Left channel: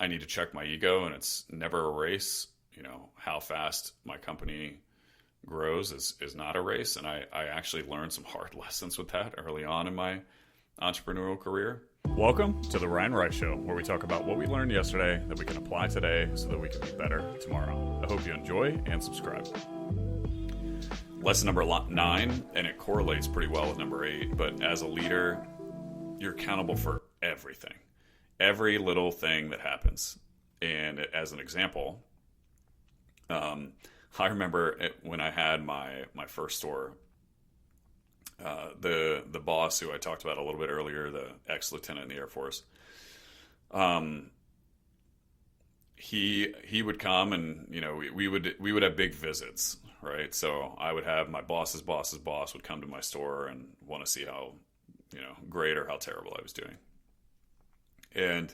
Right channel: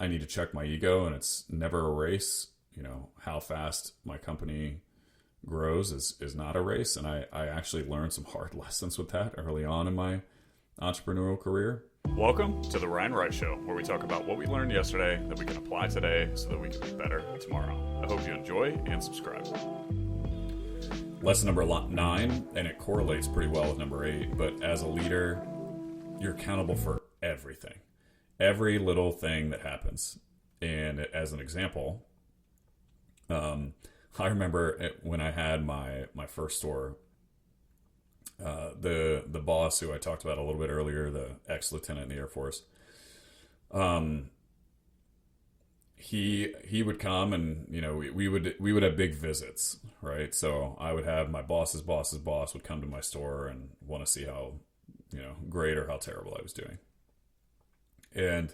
I need to check my ego, and it's never a race. How fast my company grows is not a race. And I actually learned some hard lessons with that early on in my entrepreneurial career. Welcome to the Ryan Rice Show, where we talk about what we learned yesterday that we can apply today so that we can be better tomorrow. I hope you enjoy and subscribe. Lesson number 9, and it correlates pretty well with number 8, but as a leader, you're accountable for everything, every little thing that happens. And as an example, I remember when I had my first store, the boss who I talked about a little bit earlier, the ex-lieutenant in the Air Force, he would come, and we would have big visits, right? So I would have my boss's boss's boss would come to my store and want to see how great or how terrible I was doing. And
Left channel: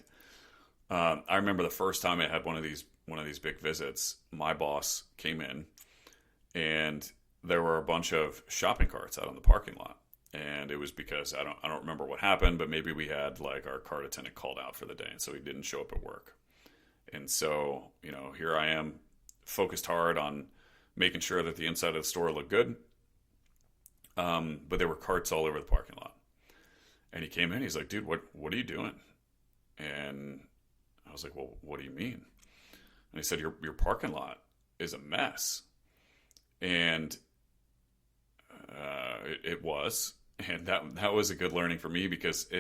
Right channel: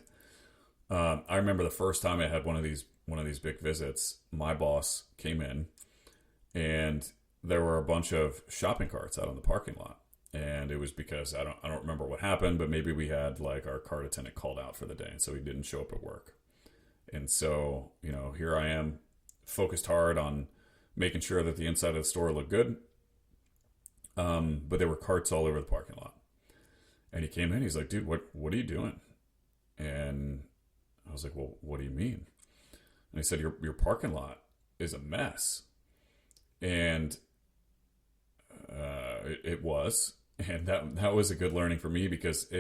I remember the first time I had one of these big visits, my boss came in, and there were a bunch of shopping carts out in the parking lot. And it was because I don't remember what happened, but maybe we had like our cart attendant called out for the day, and so he didn't show up at work. And so, here I am, focused hard on making sure that the inside of the store looked good. But there were carts all over the parking lot. And he came in, he's like, "Dude, what are you doing?" And I was like, "Well, what do you mean?" And he said, your parking lot is a mess. And it was. And that was a good learning for me, because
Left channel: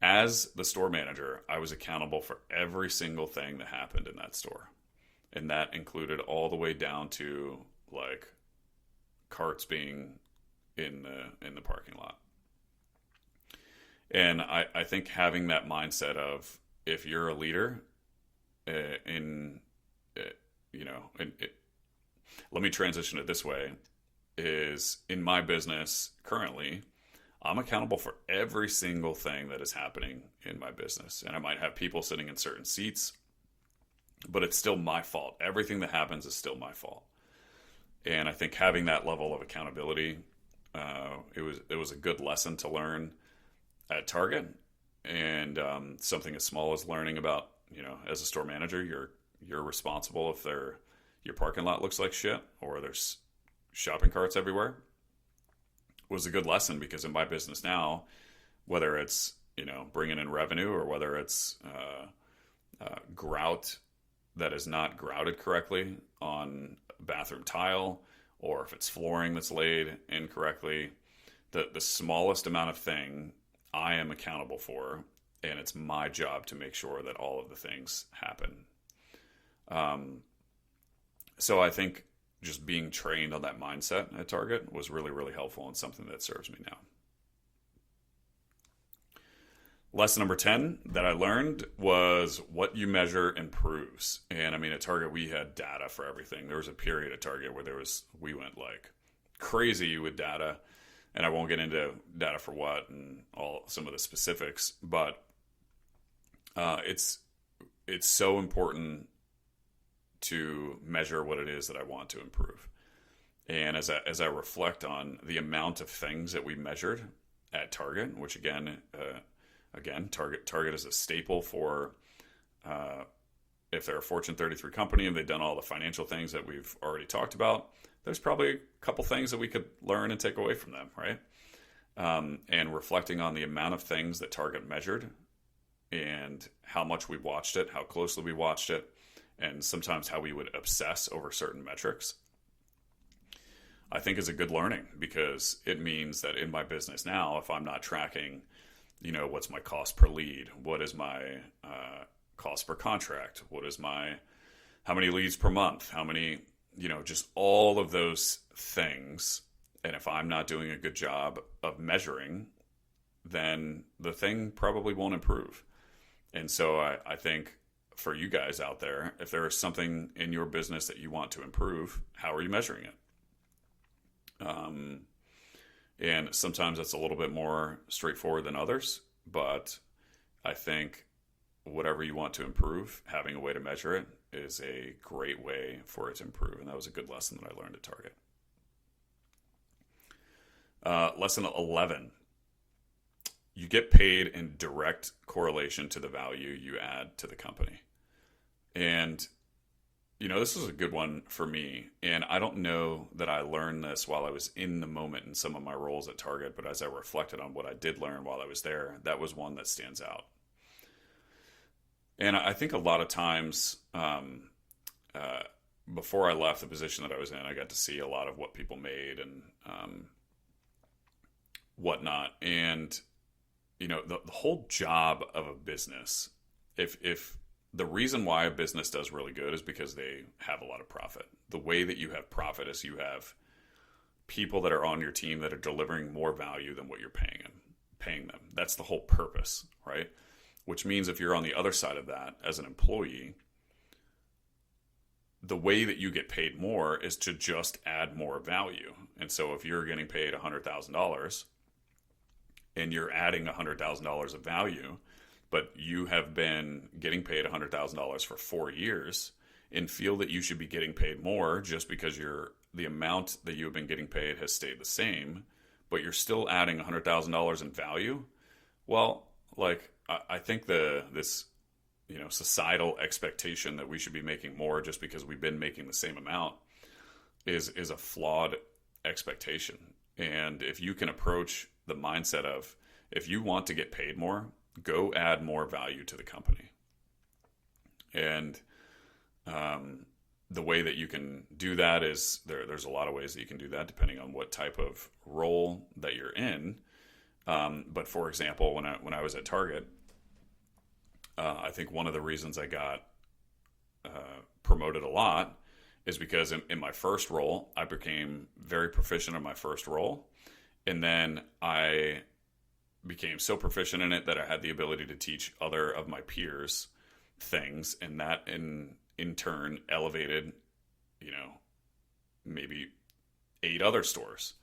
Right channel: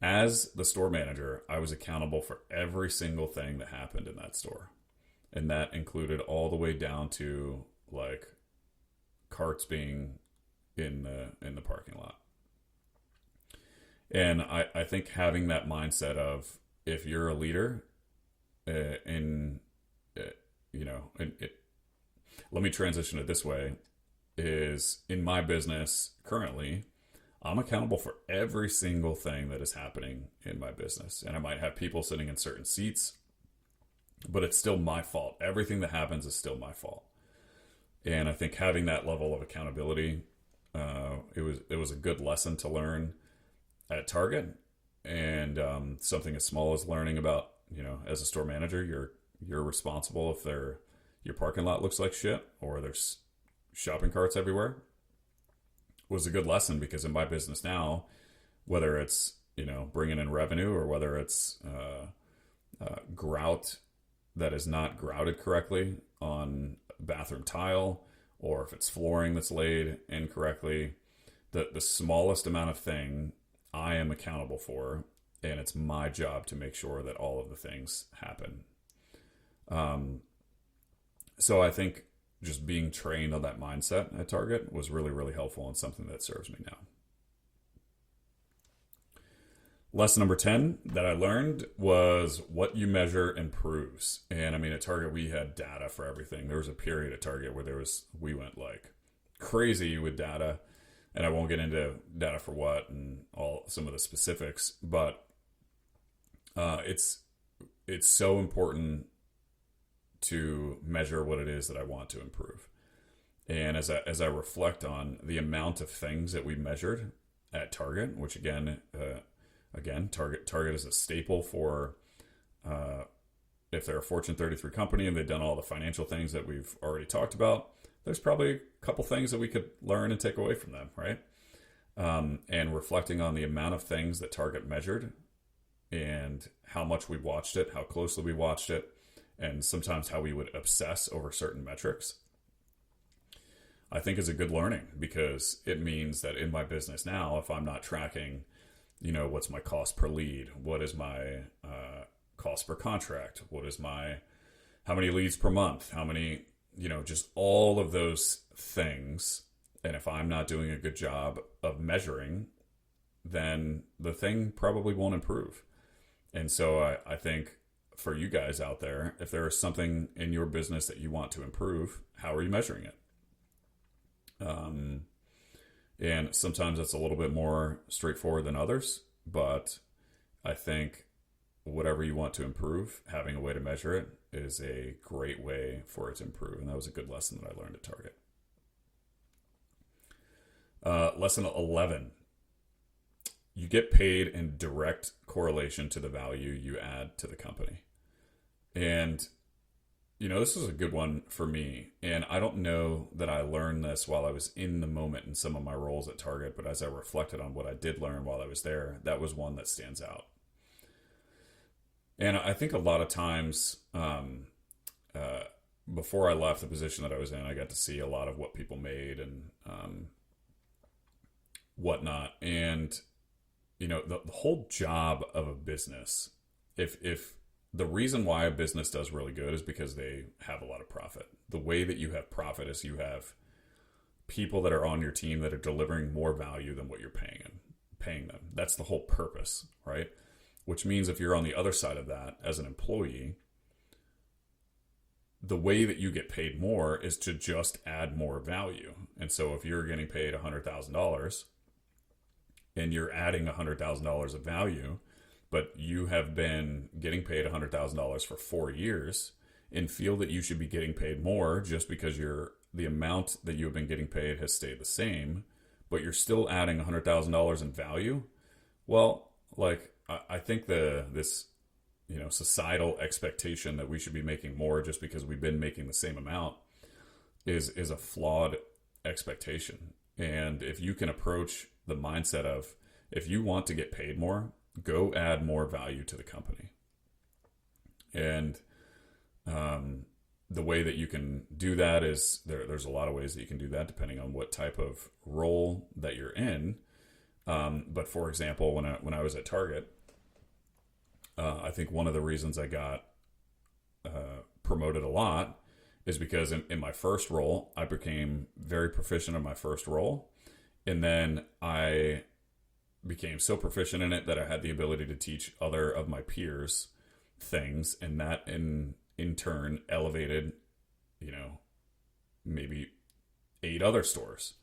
as the store manager, I was accountable for every single thing that happened in that store. And that included all the way down to like carts being in the parking lot. And I think having that mindset of, if you're a leader, let me transition it this way, is in my business currently, I'm accountable for every single thing that is happening in my business. And I might have people sitting in certain seats, but it's still my fault. Everything that happens is still my fault. And I think having that level of accountability, it was a good lesson to learn at Target. And something as small as learning about, as a store manager, you're responsible if your parking lot looks like shit or there's shopping carts everywhere, was a good lesson. Because in my business now, whether it's bringing in revenue, or whether it's grout that is not grouted correctly on bathroom tile, or if it's flooring that's laid incorrectly, the smallest amount of thing I am accountable for, and it's my job to make sure that all of the things happen. So I think just being trained on that mindset at Target was really, really helpful, and something that serves me now. Lesson number 10 that I learned was, what you measure improves. And I mean, at Target, we had data for everything. There was a period at Target where we went like crazy with data, and I won't get into data for what and some of the specifics, but it's so important to measure what it is that I want to improve. And as I reflect on the amount of things that we measured at Target, which again, Target is a staple for if they're a Fortune 33 company and they've done all the financial things that we've already talked about, there's probably a couple things that we could learn and take away from them, right? And reflecting on the amount of things that Target measured, and how much we watched it, how closely we watched it, and sometimes how we would obsess over certain metrics, I think is a good learning, because it means that in my business now, if I'm not tracking, what's my cost per lead, what is my cost per contract, how many leads per month, how many, just all of those things. And if I'm not doing a good job of measuring, then the thing probably won't improve. And so I think for you guys out there, if there is something in your business that you want to improve, how are you measuring it? And sometimes it's a little bit more straightforward than others, but I think whatever you want to improve, having a way to measure it is a great way for it to improve. And that was a good lesson that I learned at Target. Lesson 11. You get paid in direct correlation to the value you add to the company. And this was a good one for me. And I don't know that I learned this while I was in the moment in some of my roles at Target, but as I reflected on what I did learn while I was there, that was one that stands out. And I think a lot of times, before I left the position that I was in, I got to see a lot of what people made and whatnot. And, the whole job of a business, if the reason why a business does really good is because they have a lot of profit. The way that you have profit is you have people that are on your team that are delivering more value than what you're paying them. That's the whole purpose, right? Which means if you're on the other side of that as an employee, the way that you get paid more is to just add more value. And so if you're getting paid $100,000 and you're adding $100,000 of value, but you have been getting paid $100,000 for 4 years and feel that you should be getting paid more just because the amount that you have been getting paid has stayed the same, but you're still adding $100,000 in value. Well, I think this societal expectation that we should be making more just because we've been making the same amount is a flawed expectation. And if you can approach the mindset of, if you want to get paid more, go add more value to the company. And the way that you can do that is there's a lot of ways that you can do that depending on what type of role that you're in. But for example, when I was at Target, I think one of the reasons I got promoted a lot is because in my first role, I became very proficient in my first role. And then I became so proficient in it that I had the ability to teach other of my peers things. And that in turn elevated, maybe 8 other stores,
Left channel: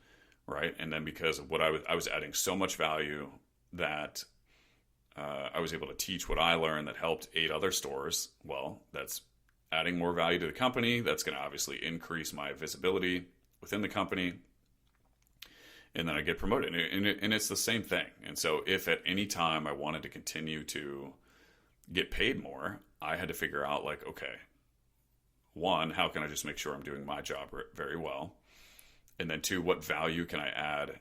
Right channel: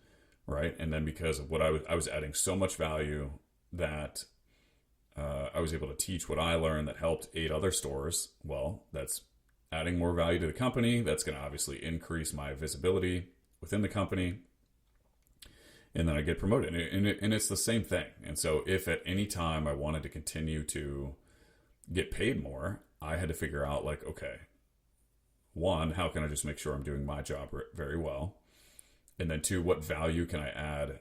right? And then because of what I was adding so much value that I was able to teach what I learned that helped 8 other stores. Well, that's adding more value to the company. That's going to obviously increase my visibility within the company. And then I get promoted. And it's the same thing. And so if at any time I wanted to continue to get paid more, I had to figure out okay, one, how can I just make sure I'm doing my job very well? And then 2, what value can I add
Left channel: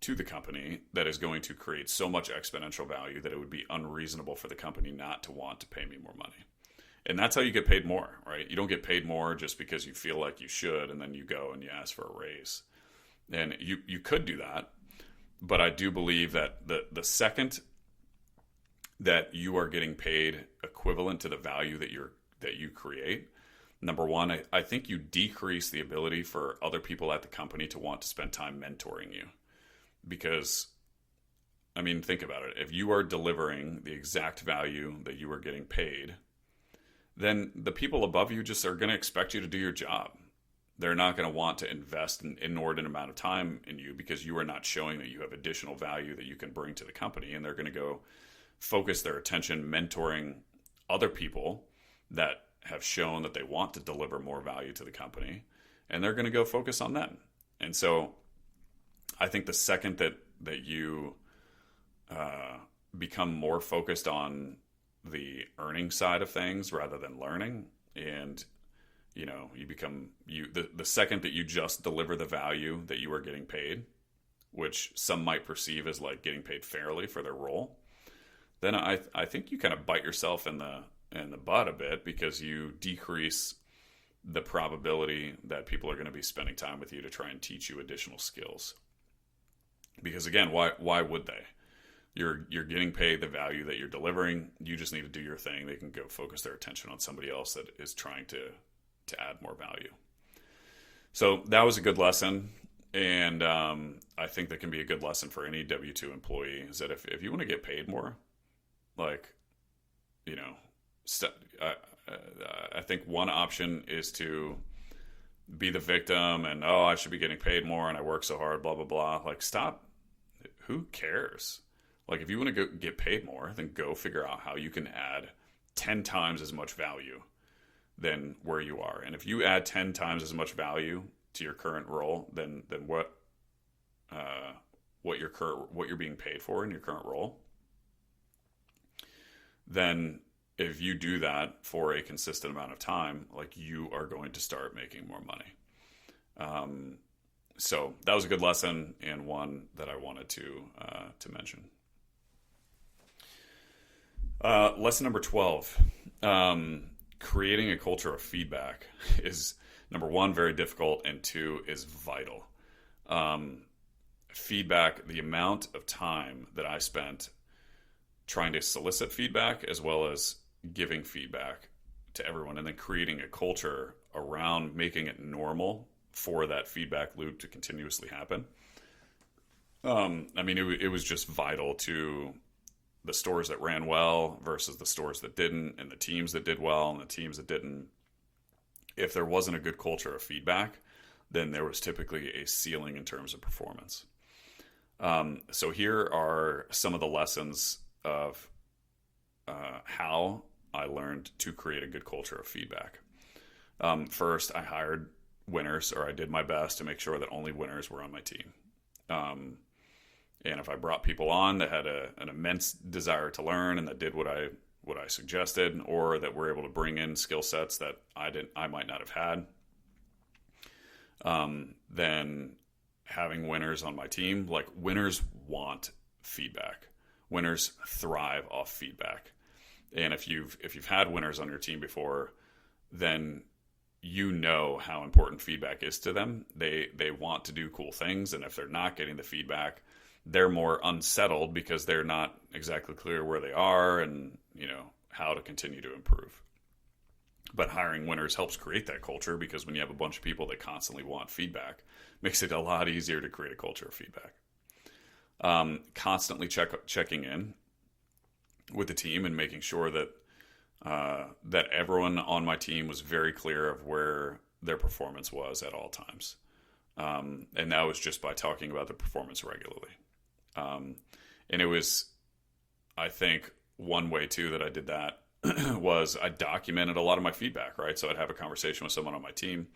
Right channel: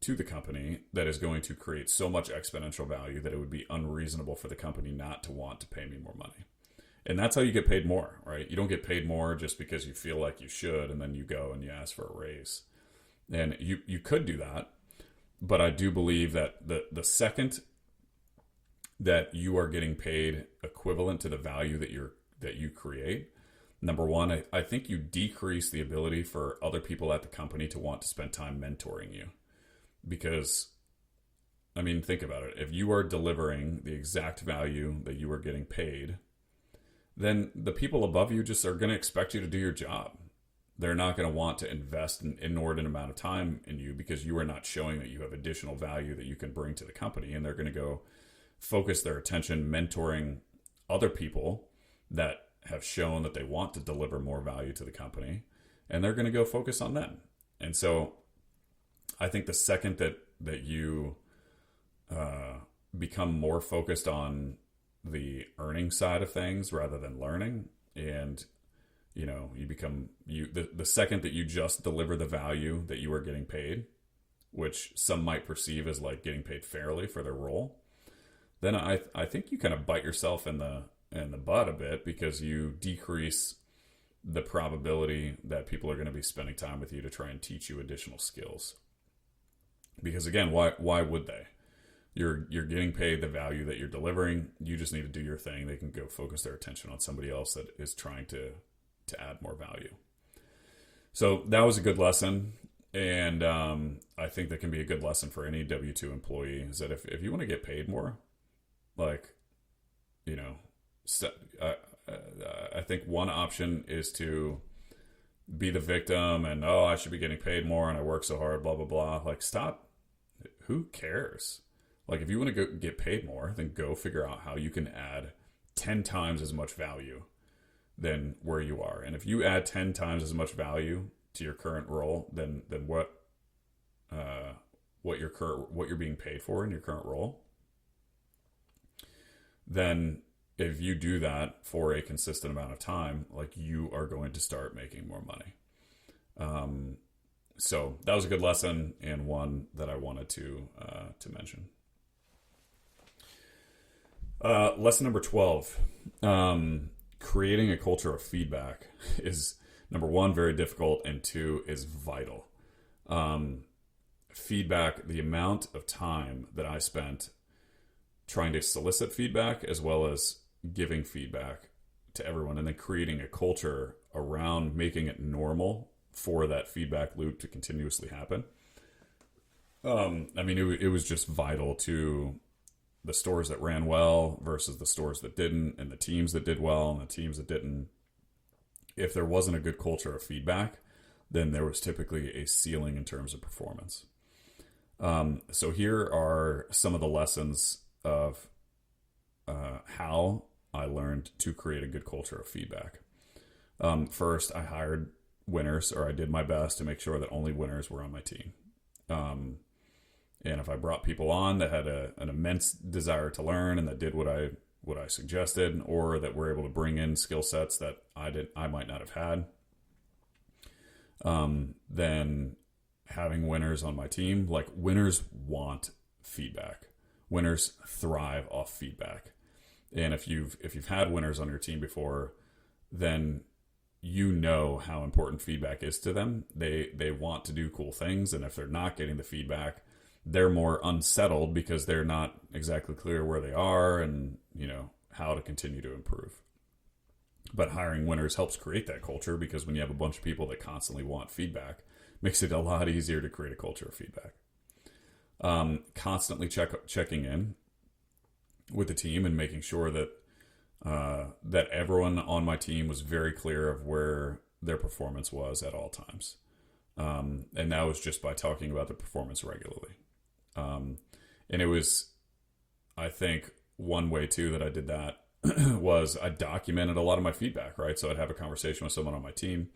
to the company that is going to create so much exponential value that it would be unreasonable for the company not to want to pay me more money. And that's how you get paid more, right? You don't get paid more just because you feel like you should, and then you go and you ask for a raise. And you could do that, but I do believe that the second that you are getting paid equivalent to the value that you create, number one, I think you decrease the ability for other people at the company to want to spend time mentoring you. Because, think about it. If you are delivering the exact value that you are getting paid, then the people above you just are going to expect you to do your job. They're not going to want to invest an inordinate amount of time in you because you are not showing that you have additional value that you can bring to the company. And they're going to go focus their attention mentoring other people that have shown that they want to deliver more value to the company. And they're going to go focus on them. And so I think the second that you become more focused on the earning side of things rather than learning, and you become the second that you just deliver the value that you are getting paid, which some might perceive as getting paid fairly for their role, then I think you kind of bite yourself in the butt a bit, because you decrease the probability that people are going to be spending time with you to try and teach you additional skills. Because again, why would they? You're getting paid the value that you're delivering. You just need to do your thing. They can go focus their attention on somebody else that is trying to add more value. So that was a good lesson. And I think that can be a good lesson for any W-2 employee, is that if you want to get paid more, I think one option is to be the victim and, I should be getting paid more and I work so hard, blah, blah, blah. Stop. Who cares? If you want to get paid more, then go figure out how you can add 10 times as much value than where you are. And if you add 10 times as much value to your current role than what you're being paid for in your current role, then if you do that for a consistent amount of time, like you are going to start making more money. So that was a good lesson and one that I wanted to mention. Lesson number 12. Creating a culture of feedback is, number one, very difficult, and two, is vital. Feedback, the amount of time that I spent trying to solicit feedback as well as giving feedback to everyone, and then creating a culture around making it normal for that feedback loop to continuously happen. I mean, it was just vital to the stores that ran well versus the stores that didn't, and the teams that did well and the teams that didn't. If there wasn't a good culture of feedback, then there was typically a ceiling in terms of performance. So here are some of the lessons of how I learned to create a good culture of feedback. First, I hired winners, or I did my best to make sure that only winners were on my team. And if I brought people on that had an immense desire to learn and that did what I suggested, or that were able to bring in skill sets that I might not have had, then having winners on my team, like, winners want feedback. Winners thrive off feedback. And if you've had winners on your team before, then you know how important feedback is to them. They want to do cool things, and if they're not getting the feedback, they're more unsettled because they're not exactly clear where they are and, how to continue to improve. But hiring winners helps create that culture, because when you have a bunch of people that constantly want feedback, makes it a lot easier to create a culture of feedback. Constantly checking in with the team and making sure that that everyone on my team was very clear of where their performance was at all times. And that was just by talking about the performance regularly. And it was, I think, one way too that I did that was I documented a lot of my feedback, right? So I'd have a conversation with someone on my team.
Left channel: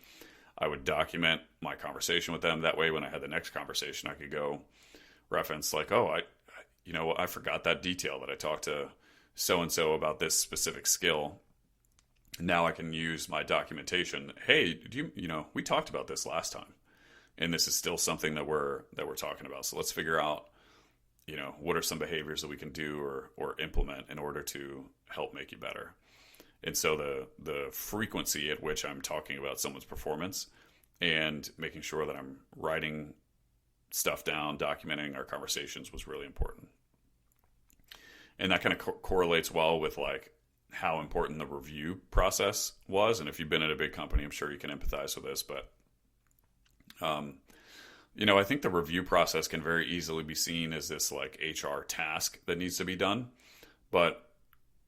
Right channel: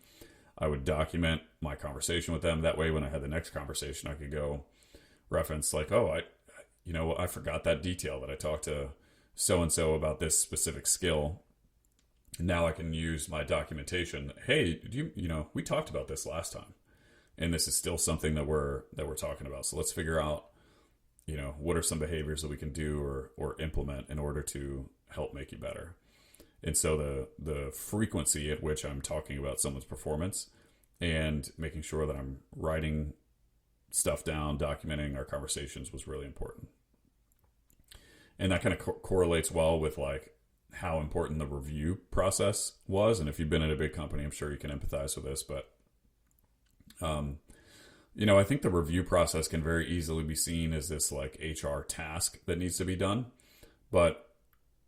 I would document my conversation with them. That way, when I had the next conversation, I could go reference like, oh, I forgot that detail that I talked to so-and-so about this specific skill. Now I can use my documentation. Hey, we talked about this last time, and this is still something that we're talking about. So let's figure out, what are some behaviors that we can do or implement in order to help make you better. And so the frequency at which I'm talking about someone's performance and making sure that I'm writing stuff down, documenting our conversations was really important. And that kind of correlates well with like how important the review process was. And if you've been at a big company, I'm sure you can empathize with this, but I think the review process can very easily be seen as this like HR task that needs to be done. But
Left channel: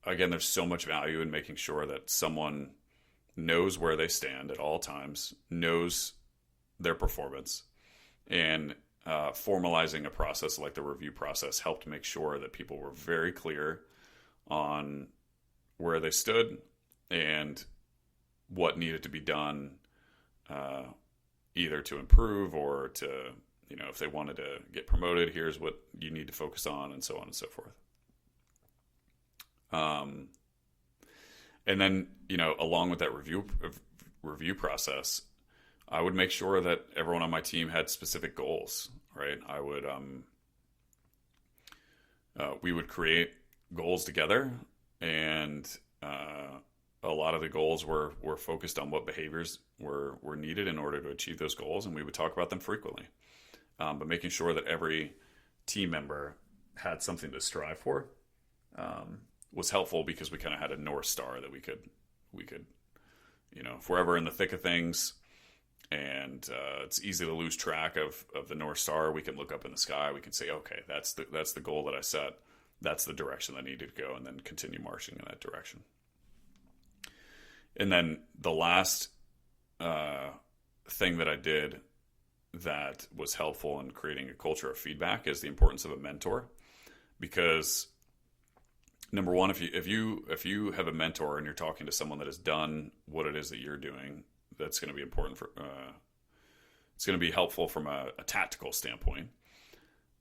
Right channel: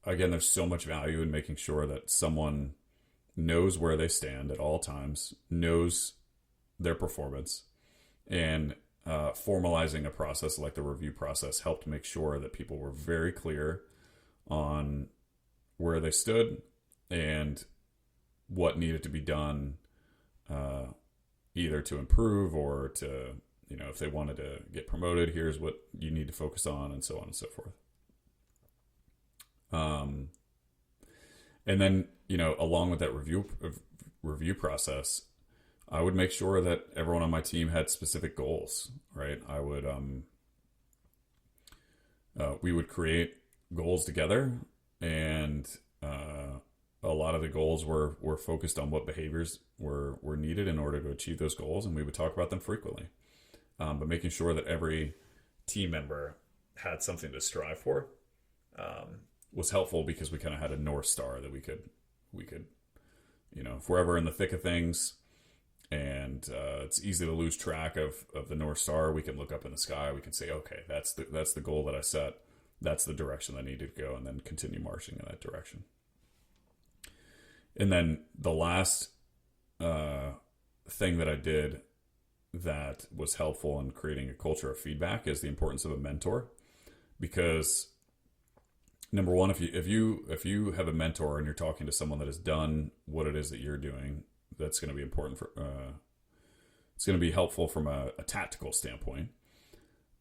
again, there's so much value in making sure that someone knows where they stand at all times, knows their performance, and formalizing a process like the review process helped make sure that people were very clear on where they stood and what needed to be done, either to improve or to, if they wanted to get promoted, here's what you need to focus on, and so on and so forth. And then, along with that review process, I would make sure that everyone on my team had specific goals, right? I would, we would create goals together, and a lot of the goals were focused on what behaviors were needed in order to achieve those goals, and we would talk about them frequently. But making sure that every team member had something to strive for was helpful, because we kind of had a North Star that we could, if we're ever in the thick of things and it's easy to lose track of the North Star, we can look up in the sky. We can say, okay, that's the goal that I set. That's the direction I need to go, and then continue marching in that direction. And then the last thing that I did that was helpful in creating a culture of feedback is the importance of a mentor. Because number one, if you have a mentor and you're talking to someone that has done what it is that you're doing, that's going to be important for. It's going to be helpful from a tactical standpoint,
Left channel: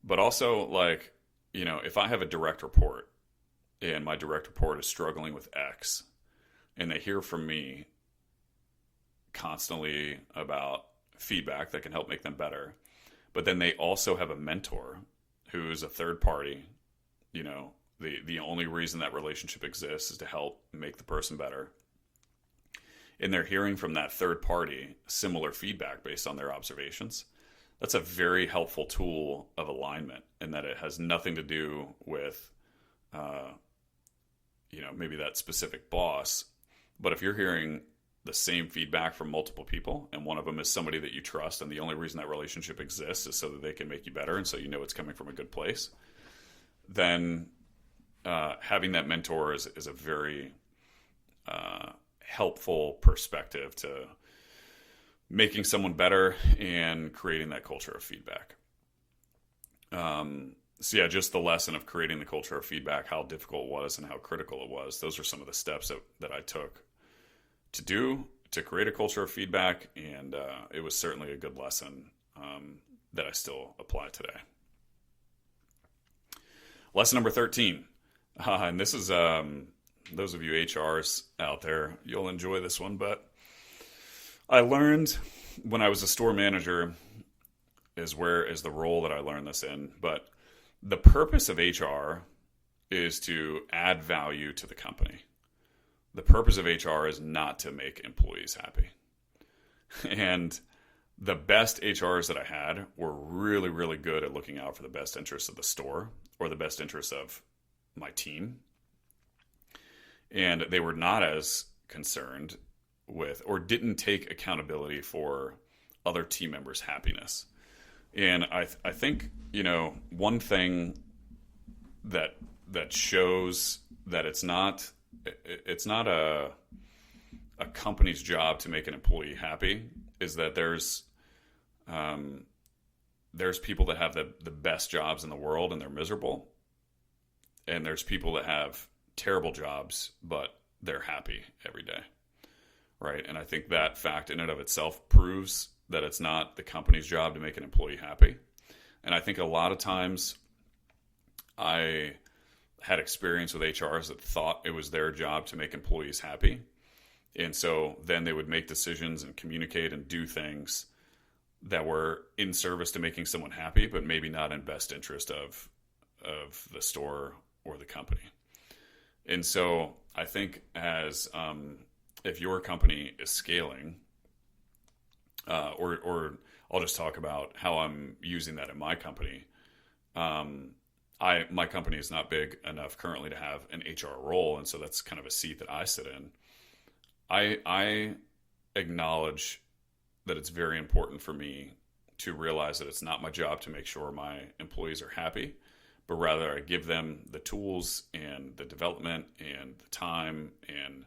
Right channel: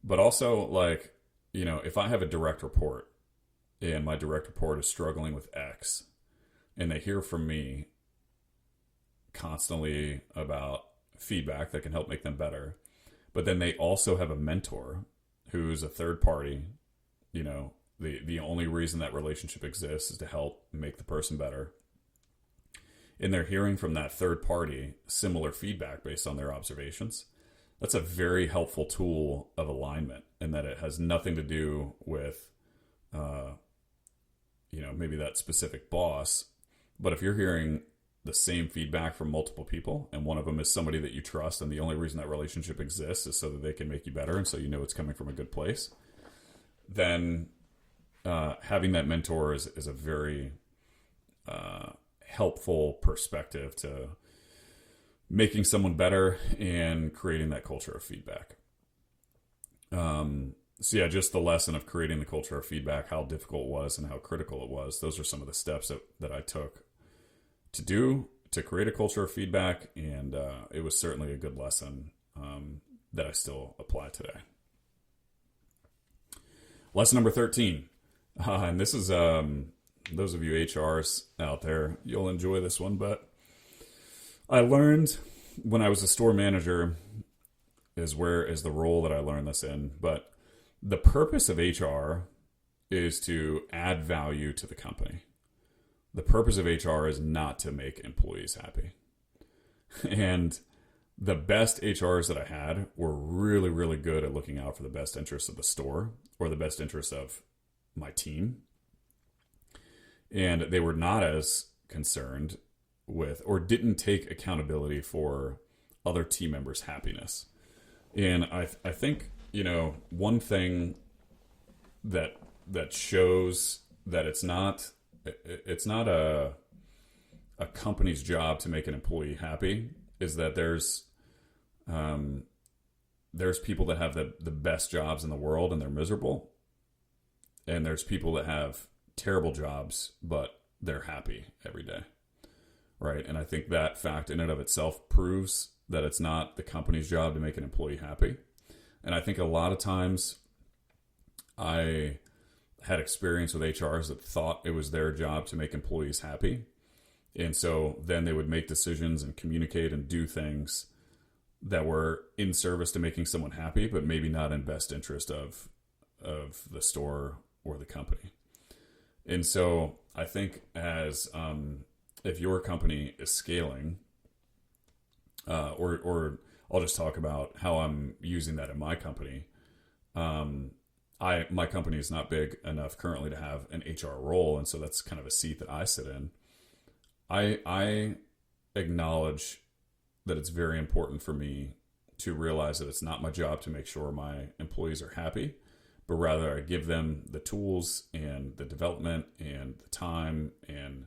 but also if I have a direct report and my direct report is struggling with X, and they hear from me constantly about feedback that can help make them better, but then they also have a mentor who's a third party, the only reason that relationship exists is to help make the person better, and they're hearing from that third party similar feedback based on their observations. That's a very helpful tool of alignment, in that it has nothing to do with maybe that specific boss. But if you're hearing the same feedback from multiple people, and one of them is somebody that you trust, and the only reason that relationship exists is so that they can make you better, and so it's coming from a good place, then having that mentor is a very helpful perspective to making someone better and creating that culture of feedback. So yeah, just the lesson of creating the culture of feedback, how difficult it was and how critical it was. Those are some of the steps that I took to create a culture of feedback. And it was certainly a good lesson that I still apply today. Lesson number 13. And this is, those of you HRs out there, you'll enjoy this one, but I learned when I was a store manager is the role that I learned this in. But the purpose of HR is to add value to the company. The purpose of HR is not to make employees happy. And the best HRs that I had were really, really good at looking out for the best interests of the store or the best interests of my team. And they were not as concerned with, or didn't take accountability for, other team members' happiness. And I think, one thing that shows that it's not a company's job to make an employee happy is that there's people that have the best jobs in the world and they're miserable. And there's people that have terrible jobs, but they're happy every day. Right. And I think that fact in and of itself proves that it's not the company's job to make an employee happy. And I think a lot of times I had experience with HRs that thought it was their job to make employees happy. And so then they would make decisions and communicate and do things that were in service to making someone happy, but maybe not in best interest of the store or the company. And so I think as if your company is scaling, or I'll just talk about how I'm using that in my company. My company is not big enough currently to have an HR role, and so that's kind of a seat that I sit in. I acknowledge that it's very important for me to realize that it's not my job to make sure my employees are happy, but rather I give them the tools and the development and the time, and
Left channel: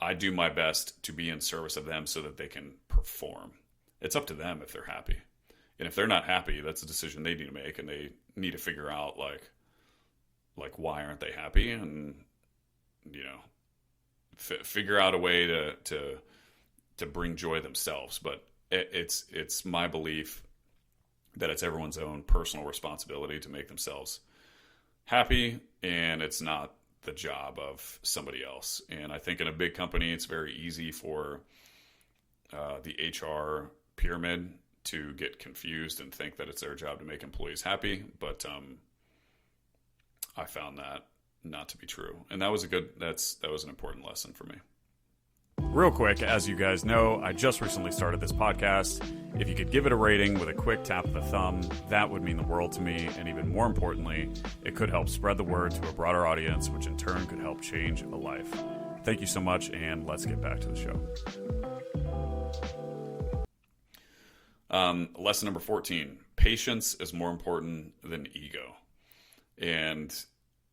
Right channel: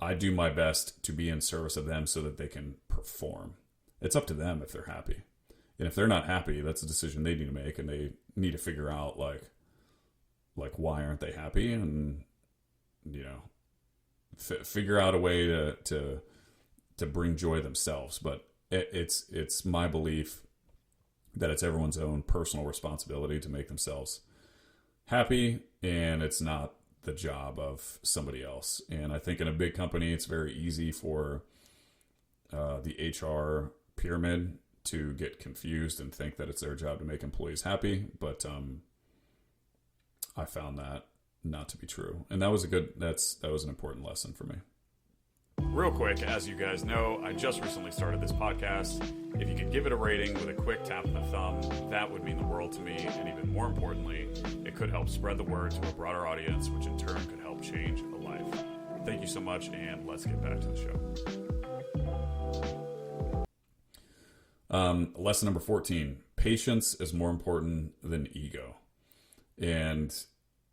I do my best to be in service of them so that they can perform. It's up to them if they're happy. And if they're not happy, that's a decision they need to make, and they need to figure out like why aren't they happy, and figure out a way to bring joy themselves. But it's my belief that it's everyone's own personal responsibility to make themselves happy, and it's not the job of somebody else. And I think in a big company, it's very easy for the HR pyramid to get confused and think that it's their job to make employees happy. But I found that not to be true. And that was that was an important lesson for me. Real quick, as you guys know, I just recently started this podcast. If you could give it a rating with a quick tap of the thumb, that would mean the world to me. And even more importantly, it could help spread the word to a broader audience, which in turn could help change a life. Thank you so much, and let's get back to the show. Lesson number 14, patience is more important than ego. And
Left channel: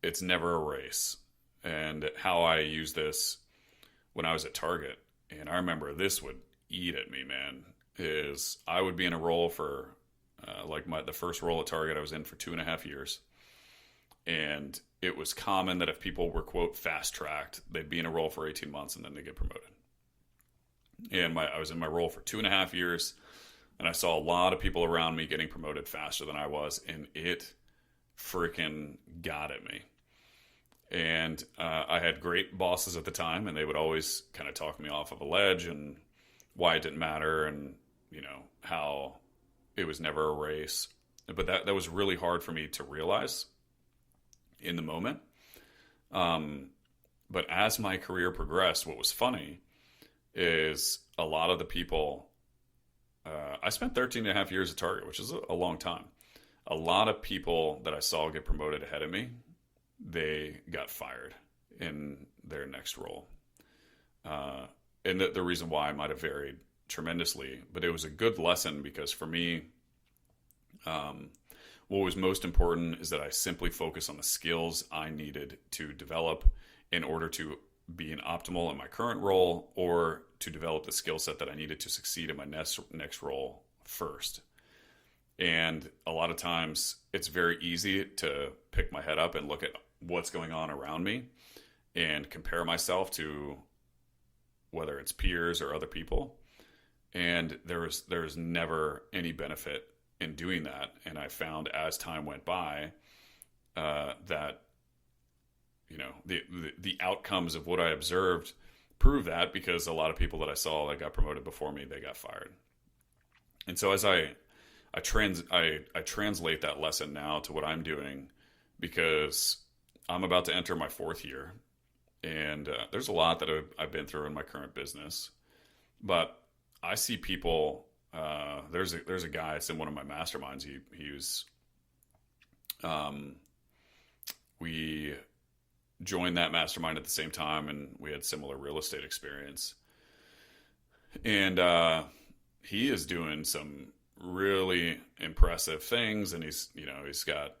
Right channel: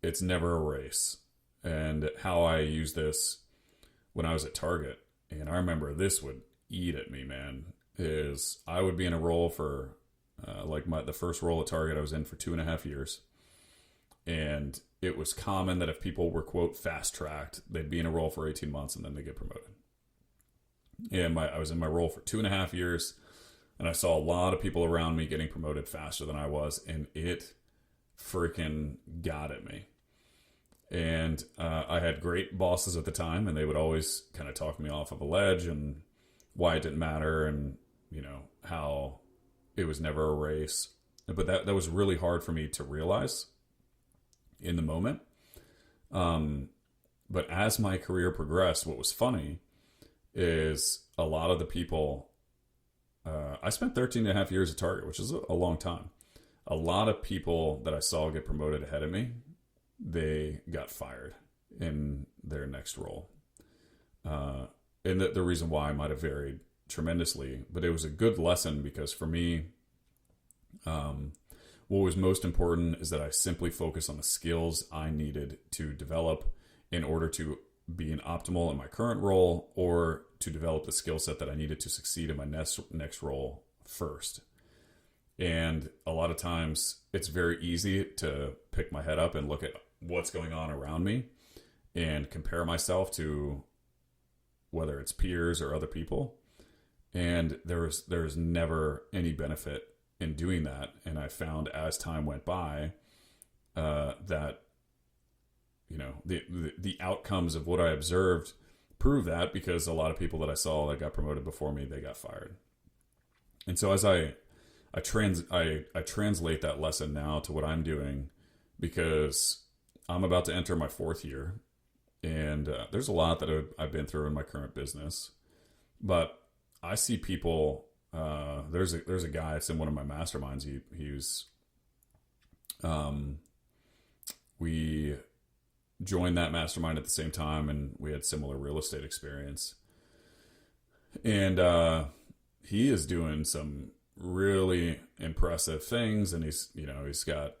it's never a race. And how I use this when I was at Target, and I remember this would eat at me, man, is I would be in a role for, the first role at Target I was in for 2.5 years. And it was common that if people were, quote, fast-tracked, they'd be in a role for 18 months and then they get promoted. And I was in my role for 2.5 years, and I saw a lot of people around me getting promoted faster than I was, and it freaking got at me. And I had great bosses at the time, and they would always kind of talk me off of a ledge and why it didn't matter, and how it was never a race. But that was really hard for me to realize in the moment. But as my career progressed, what was funny is a lot of the people, I spent 13 and a half years at Target, which is a long time. A lot of people that I saw get promoted ahead of me, they got fired in their next role. And the reason why might have varied tremendously, but it was a good lesson because for me, what was most important is that I simply focus on the skills I needed to develop in order to be an optimal in my current role, or to develop the skill set that I needed to succeed in my next role first. And a lot of times it's very easy to pick my head up and look at what's going on around me and compare myself to whether it's peers or other people. And there's never any benefit in doing that. And I found as time went by that the outcomes of what I observed prove that, because a lot of people that I saw that got promoted before me, they got fired. And so as I translate that lesson now to what I'm doing, because I'm about to enter my 4th year, and there's a lot that I've been through in my current business, but I see people. There's a guy that's in one of my masterminds. He was, we joined that mastermind at the same time, and we had similar real estate experience. And he is doing some really impressive things, and he's got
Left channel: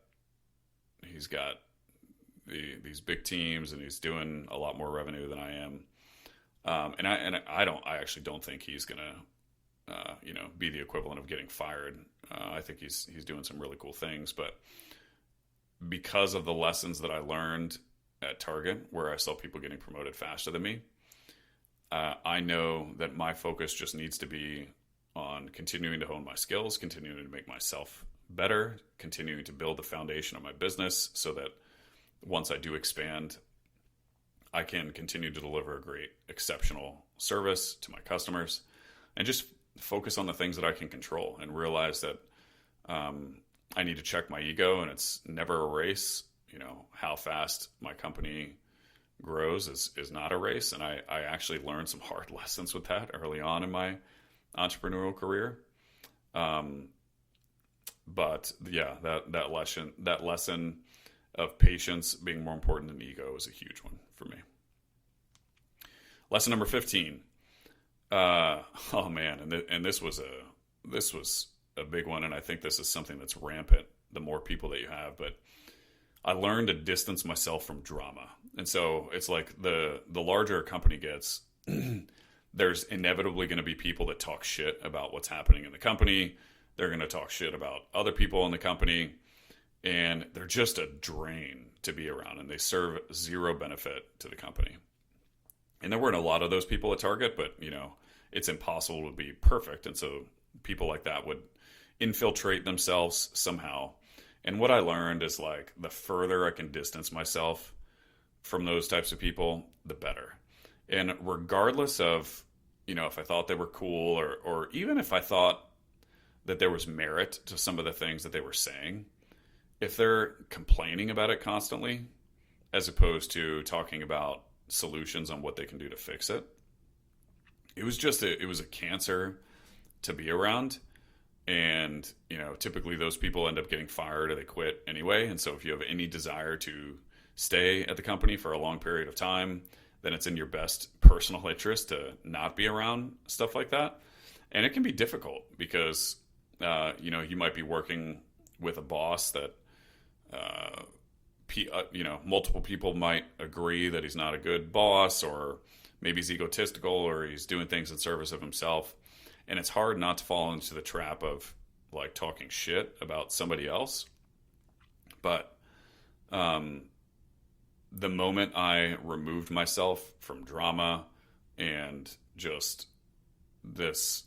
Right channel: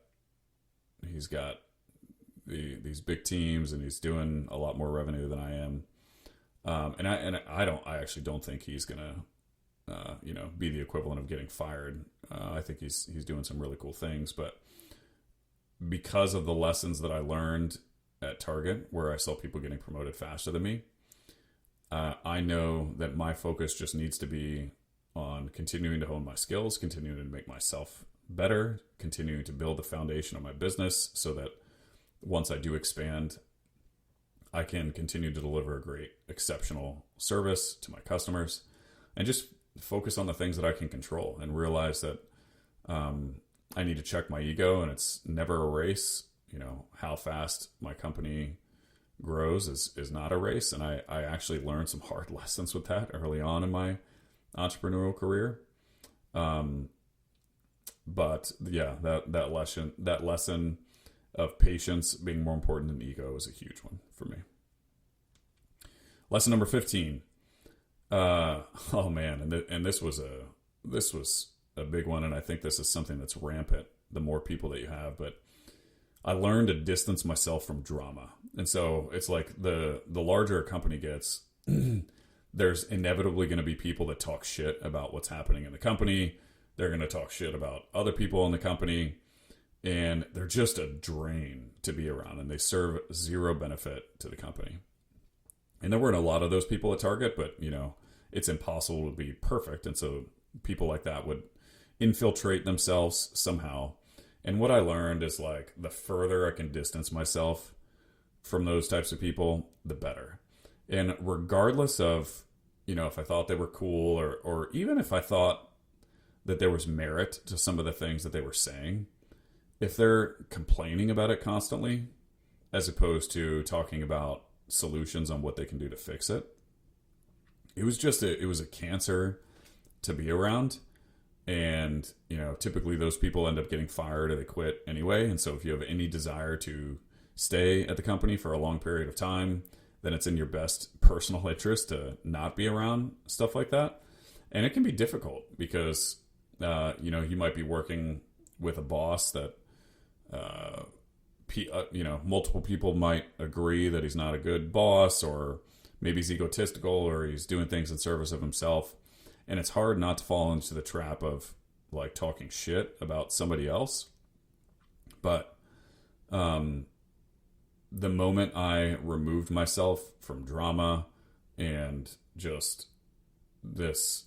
these big teams, and he's doing a lot more revenue than I am. I actually don't think he's gonna be the equivalent of getting fired. I think he's doing some really cool things, but because of the lessons that I learned at Target, where I saw people getting promoted faster than me, I know that my focus just needs to be on continuing to hone my skills, continuing to make myself better, continuing to build the foundation of my business so that once I do expand, I can continue to deliver a great, exceptional service to my customers, and just focus on the things that I can control, and realize that I need to check my ego, and it's never a race. How fast my company grows is not a race. And I actually learned some hard lessons with that early on in my entrepreneurial career. But yeah, that lesson of patience being more important than ego is a huge one for me. Lesson number 15. Oh man, and this was a big one, and I think this is something that's rampant the more people that you have. But I learned to distance myself from drama. And so it's like the larger a company gets, there's inevitably going to be people that talk shit about what's happening in the company. They're going to talk shit about other people in the company, and they're just a drain to be around, and they serve zero benefit to the company. And there weren't a lot of those people at Target, but it's impossible to be perfect. And so people like that would infiltrate themselves somehow. And what I learned is, like, the further I can distance myself from those types of people, the better. And regardless of, if I thought they were cool, or even if I thought that there was merit to some of the things that they were saying, if they're complaining about it constantly, as opposed to talking about solutions on what they can do to fix it, it was a cancer to be around. And, typically those people end up getting fired or they quit anyway. And so if you have any desire to stay at the company for a long period of time, then it's in your best personal interest to not be around stuff like that. And it can be difficult because, you might be working with a boss that, multiple people might agree that he's not a good boss, or maybe he's egotistical, or he's doing things in service of himself. And it's hard not to fall into the trap of, like, talking shit about somebody else. But the moment I removed myself from drama and just this,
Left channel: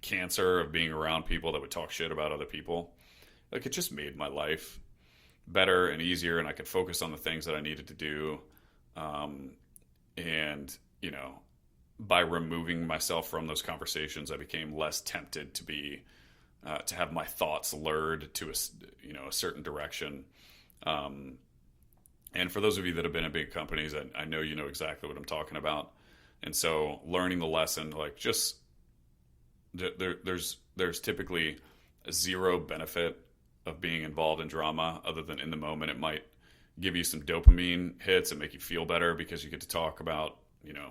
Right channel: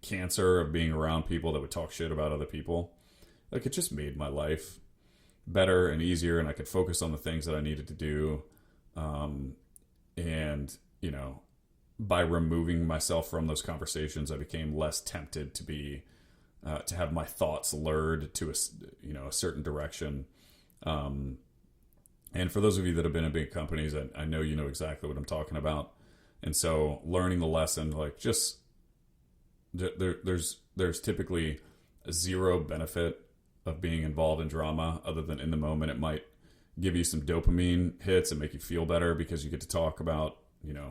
cancer of being around people that would talk shit about other people, like, it just made my life better and easier, and I could focus on the things that I needed to do. And, you know, by removing myself from those conversations, I became less tempted to have my thoughts lured to a certain direction. And for those of you that have been in big companies, I know you know exactly what I'm talking about. And so learning the lesson, like just there's typically zero benefit of being involved in drama other than in the moment. It might give you some dopamine hits and make you feel better because you get to talk about, you know,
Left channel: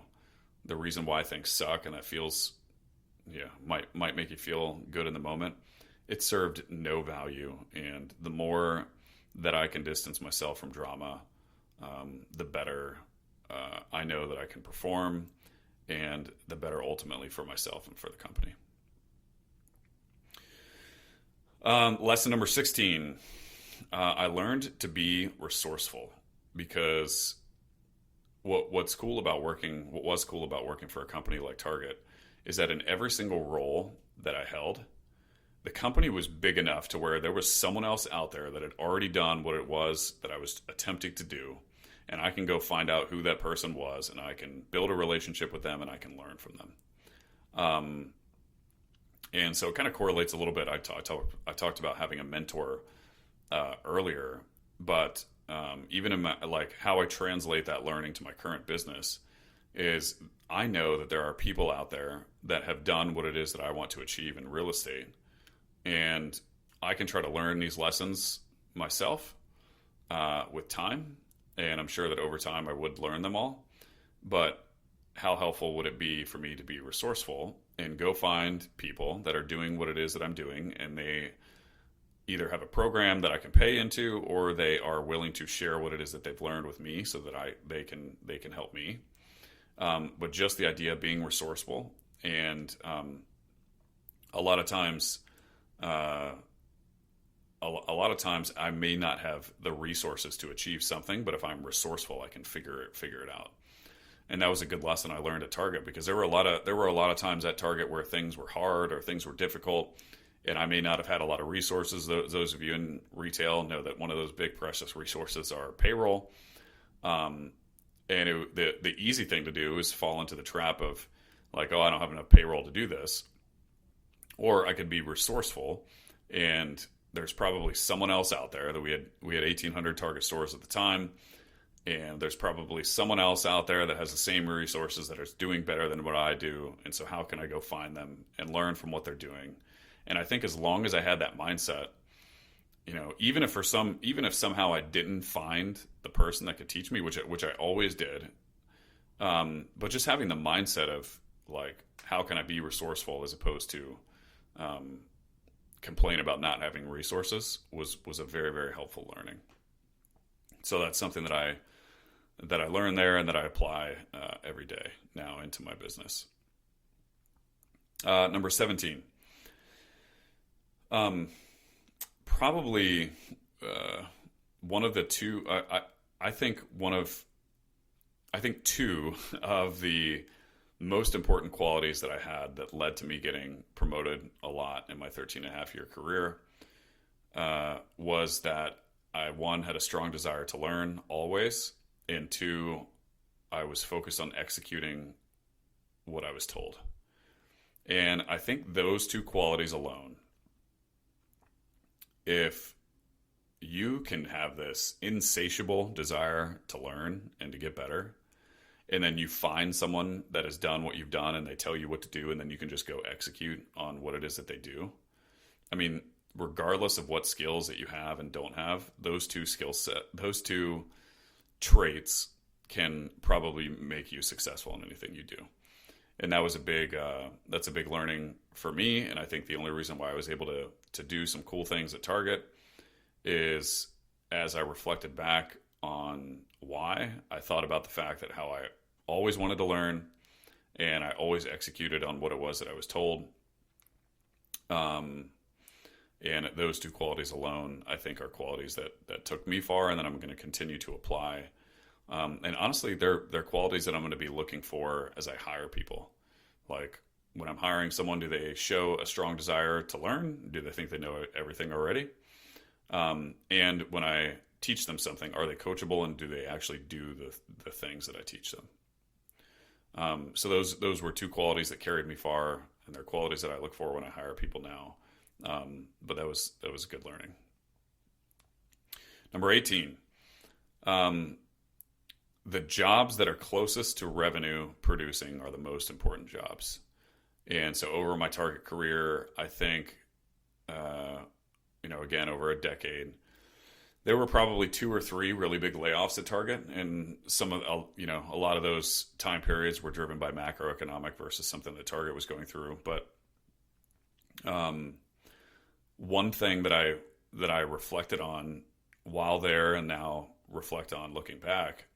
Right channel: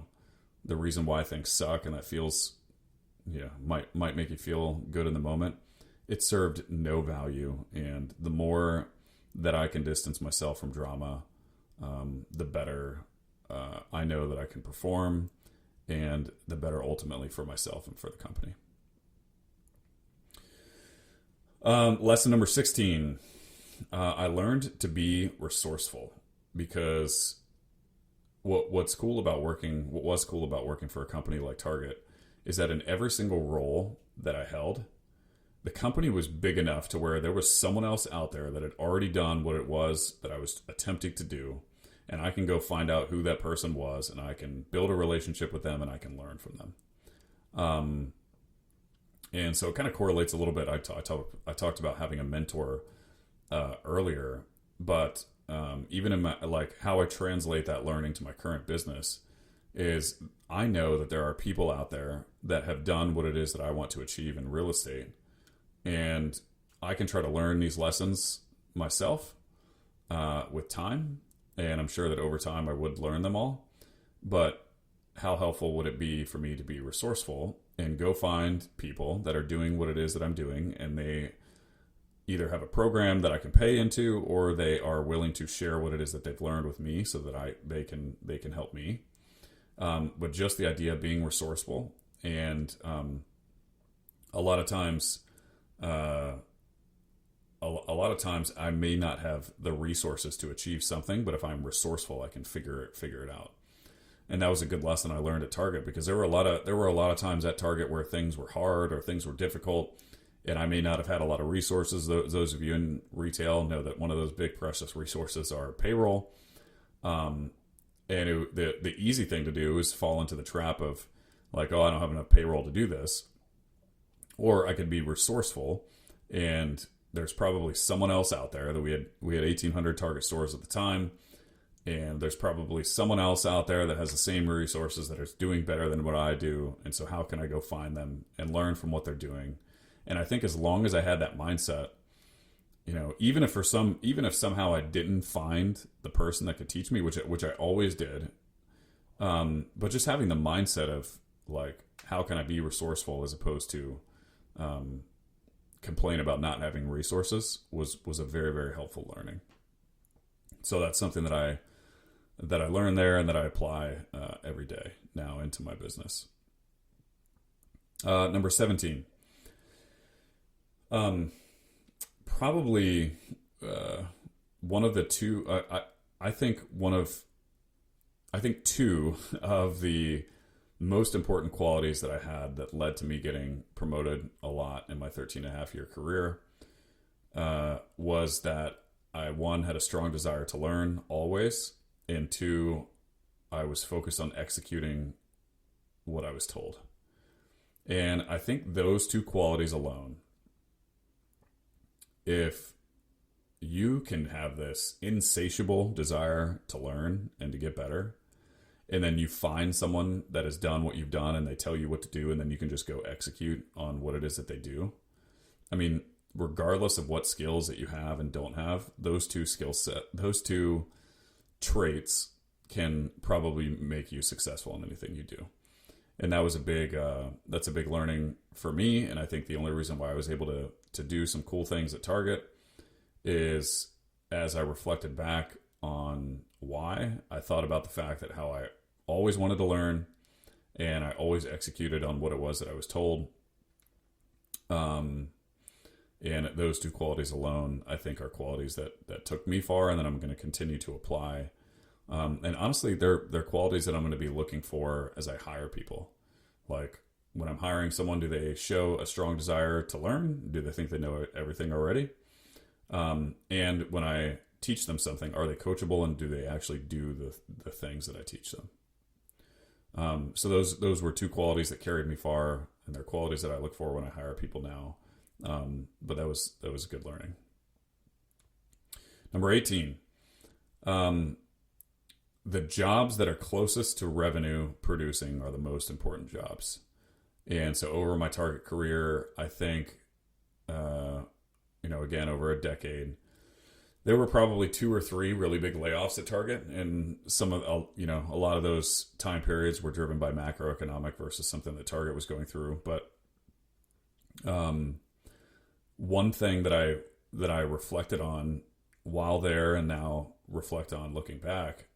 the reason why things suck, and that feels, might make you feel good in the moment. It served no value, and the more that I can distance myself from drama, the better I know that I can perform, and the better ultimately for myself and for the company. Lesson number 16. I learned to be resourceful, because what was cool about working for a company like Target is that in every single role that I held, the company was big enough to where there was someone else out there that had already done what it was that I was attempting to do. And I can go find out who that person was, and I can build a relationship with them, and I can learn from them. And so it kind of correlates a little bit. I talked about having a mentor earlier, but even in my, like, how I translate that learning to my current business is I know that there are people out there that have done what it is that I want to achieve in real estate. And I can try to learn these lessons myself with time. And I'm sure that over time I would learn them all. But how helpful would it be for me to be resourceful and go find people that are doing what it is that I'm doing, and they either have a program that I can pay into, or they are willing to share what it is that they've learned with me so that they can help me. But just the idea of being resourceful, and a lot of times I may not have the resources to achieve something, but if I'm resourceful, I can figure it out. And that was a good lesson I learned at Target, because there were a lot of times at Target where things were hard or things were difficult, and I may not have had a lot of resources. Those of you in retail know that one of those big precious resources are payroll. And the easy thing to do is fall into the trap of like, oh, I don't have enough payroll to do this. Or I could be resourceful, and there's probably someone else out there that we had 1,800 Target stores at the time. And there's probably someone else out there that has the same resources that is doing better than what I do. And so how can I go find them and learn from what they're doing? And I think as long as I had that mindset, you know, even if somehow I didn't find the person that could teach me, which I always did, but just having the mindset of like, how can I be resourceful as opposed to complain about not having resources was a very, very helpful learning. So that's something that I learned there, and that I apply every day now into my business. Number 17. Probably one of the two. I think two of the most important qualities that I had that led to me getting promoted a lot in my 13.5-year career was that I, one, had a strong desire to learn always, and two, I was focused on executing what I was told. And I think those two qualities alone, if you can have this insatiable desire to learn and to get better, and then you find someone that has done what you've done and they tell you what to do, and then you can just go execute on what it is that they do. I mean, regardless of what skills that you have and don't have, those two traits can probably make you successful in anything you do. And that was that's a big learning for me. And I think the only reason why I was able to do some cool things at Target is, as I reflected back on why, I thought about the fact that how I always wanted to learn, and I always executed on what it was that I was told. And those two qualities alone, I think, are qualities that took me far, and that I'm going to continue to apply. And honestly, they're qualities that I'm going to be looking for as I hire people. Like, when I'm hiring someone, do they show a strong desire to learn? Do they think they know everything already? And when I teach them something, are they coachable, and do they actually do the things that I teach them? So those were two qualities that carried me far, and they're qualities that I look for when I hire people now. But that was good learning. Number 18, the jobs that are closest to revenue producing are the most important jobs. And so over my Target career, I think, again, over a decade, there were probably 2 or 3 really big layoffs at Target. And some of, a lot of those time periods were driven by macroeconomic versus something that Target was going through. But one thing that I reflected on while there, and now reflect on looking back,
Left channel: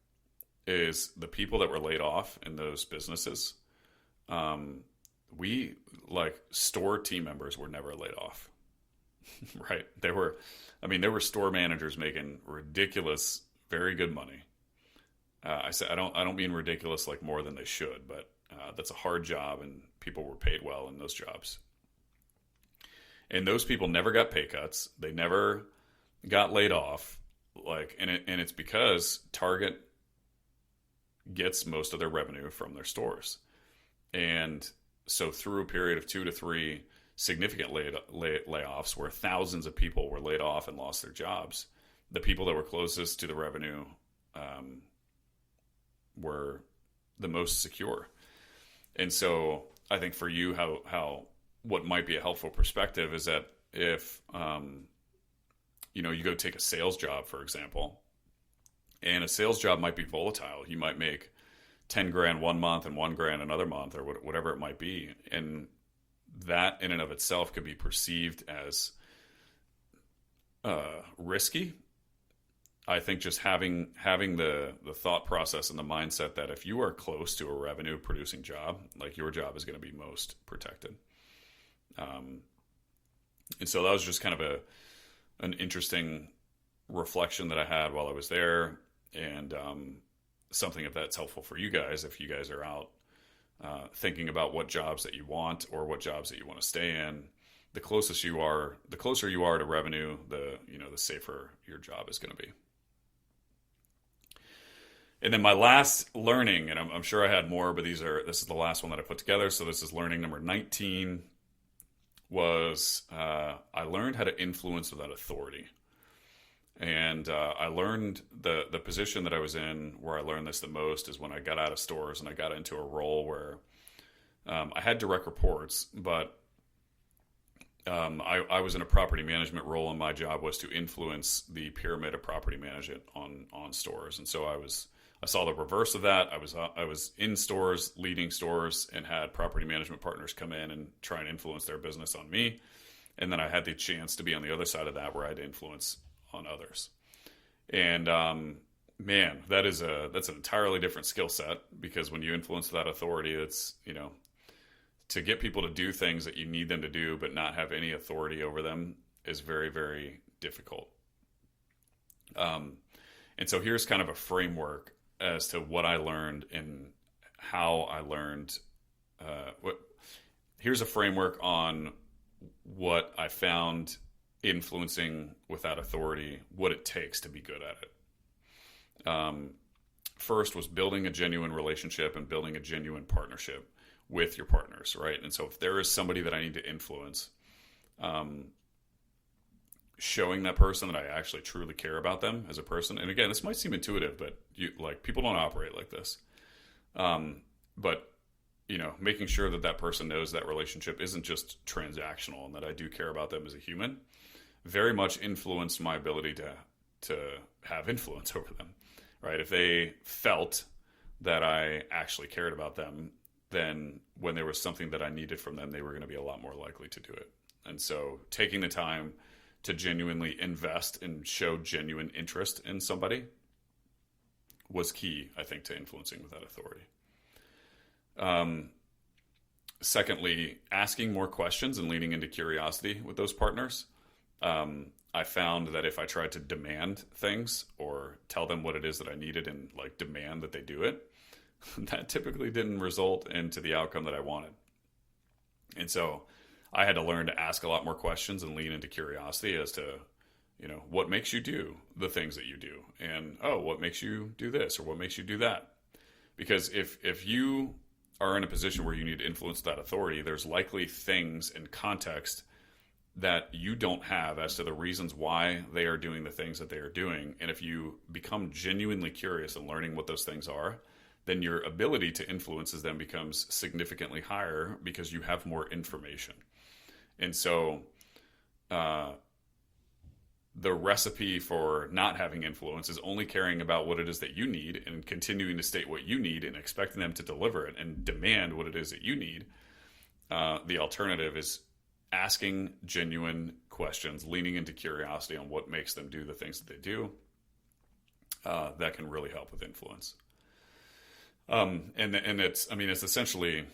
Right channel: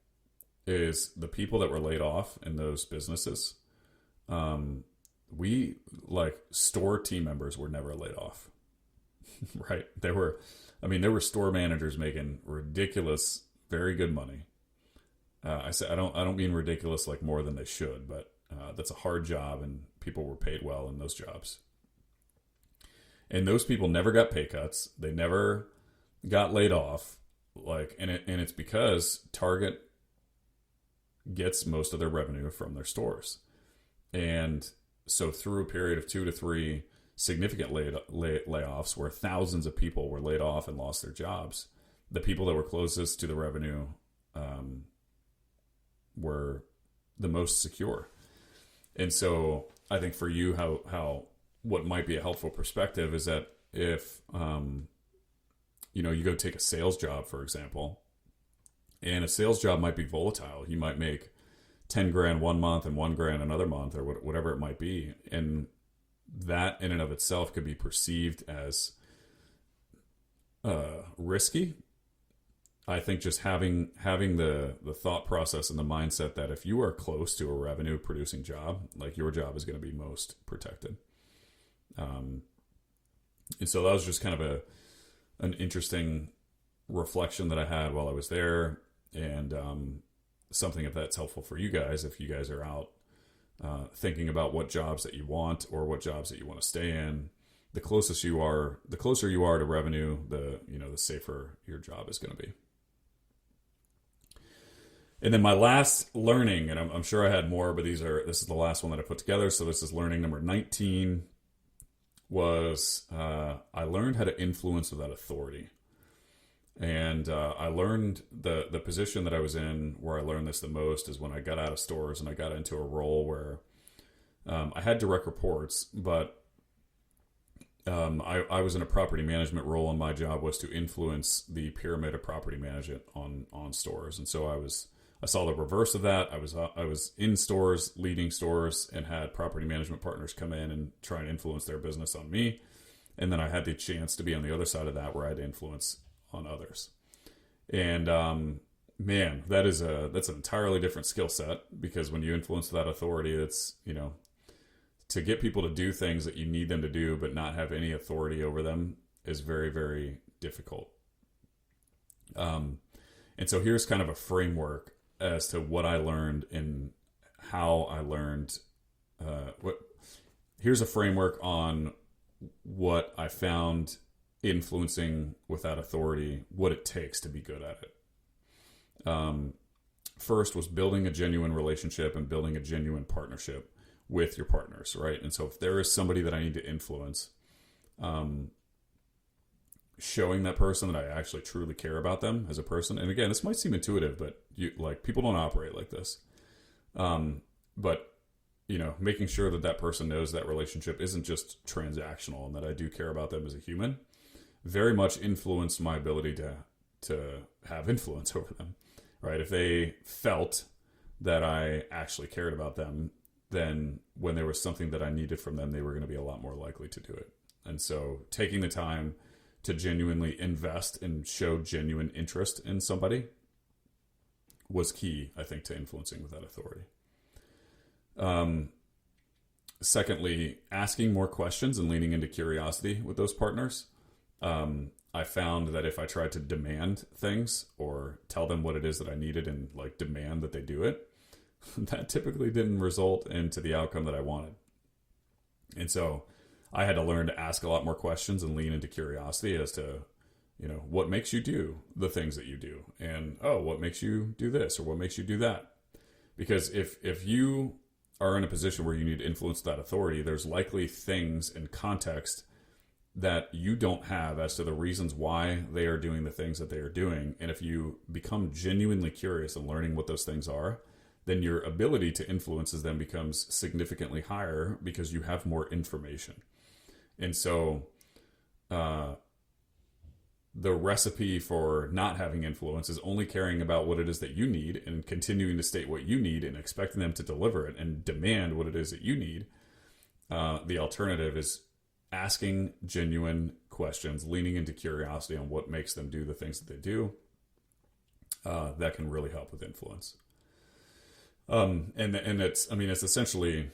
is the people that were laid off in those businesses. We, like, store team members were never laid off, right? There were store managers making ridiculous, very good money. I don't mean ridiculous like more than they should, but that's a hard job, and people were paid well in those jobs. And those people never got pay cuts. They never got laid off. And it's because Target gets most of their revenue from their stores. And so through a period of 2 to 3 significant layoffs where thousands of people were laid off and lost their jobs, the people that were closest to the revenue were the most secure. And so I think for you, how what might be a helpful perspective is that if you go take a sales job, for example, and a sales job might be volatile. You might make 10 grand one month and 1 grand another month, or whatever it might be. And that in and of itself could be perceived as risky. I think just having the thought process and the mindset that if you are close to a revenue producing job, like, your job is going to be most protected. And so that was just kind of an interesting reflection that I had while I was there, and something if that's helpful for you guys, if you guys are out thinking about what jobs that you want or what jobs that you want to stay in. The closer you are to revenue, the safer your job is going to be. And then my last learning, and I'm sure I had more, but this is the last one that I put together. So this is learning number 19. Was I learned how to influence without authority. And I learned the position that I was in where I learned this the most is when I got out of stores and I got into a role where I had direct reports, but I was in a property management role, and my job was to influence the pyramid of property management on stores. And so I saw the reverse of that. I was in stores, leading stores, and had property management partners come in and try and influence their business on me. And then I had the chance to be on the other side of that, where I had influence on others. And man, that's an entirely different skill set, because when you influence that authority, it's to get people to do things that you need them to do but not have any authority over them is very, very difficult. And so here's kind of a framework as to what I learned and how I learned. Here's a framework on what I found influencing without authority, what it takes to be good at it. First was building a genuine relationship and building a genuine partnership with your partners, right? And so if there is somebody that I need to influence, showing that person that I actually truly care about them as a person. And again, this might seem intuitive, but people don't operate like this. But making sure that person knows that relationship isn't just transactional and that I do care about them as a human, very much influenced my ability to have influence over them, right? If they felt that I actually cared about them, then when there was something that I needed from them, they were going to be a lot more likely to do it. And so taking the time to genuinely invest and show genuine interest in somebody was key, I think, to influencing with that authority. Secondly, asking more questions and leaning into curiosity with those partners. I found that if I tried to demand things or tell them what it is that I needed and demand that they do it, that typically didn't result into the outcome that I wanted. And so I had to learn to ask a lot more questions and lean into curiosity as to what makes you do the things that you do? And, oh, what makes you do this or what makes you do that? Because if you are in a position where you need to influence that authority, there's likely things in context that you don't have as to the reasons why they are doing the things that they are doing. And if you become genuinely curious in learning what those things are, then your ability to influence them becomes significantly higher because you have more information. And so the recipe for not having influence is only caring about what it is that you need and continuing to state what you need and expecting them to deliver it and demand what it is that you need. The alternative is asking genuine questions, leaning into curiosity on what makes them do the things that they do. That can really help with influence. And it's essentially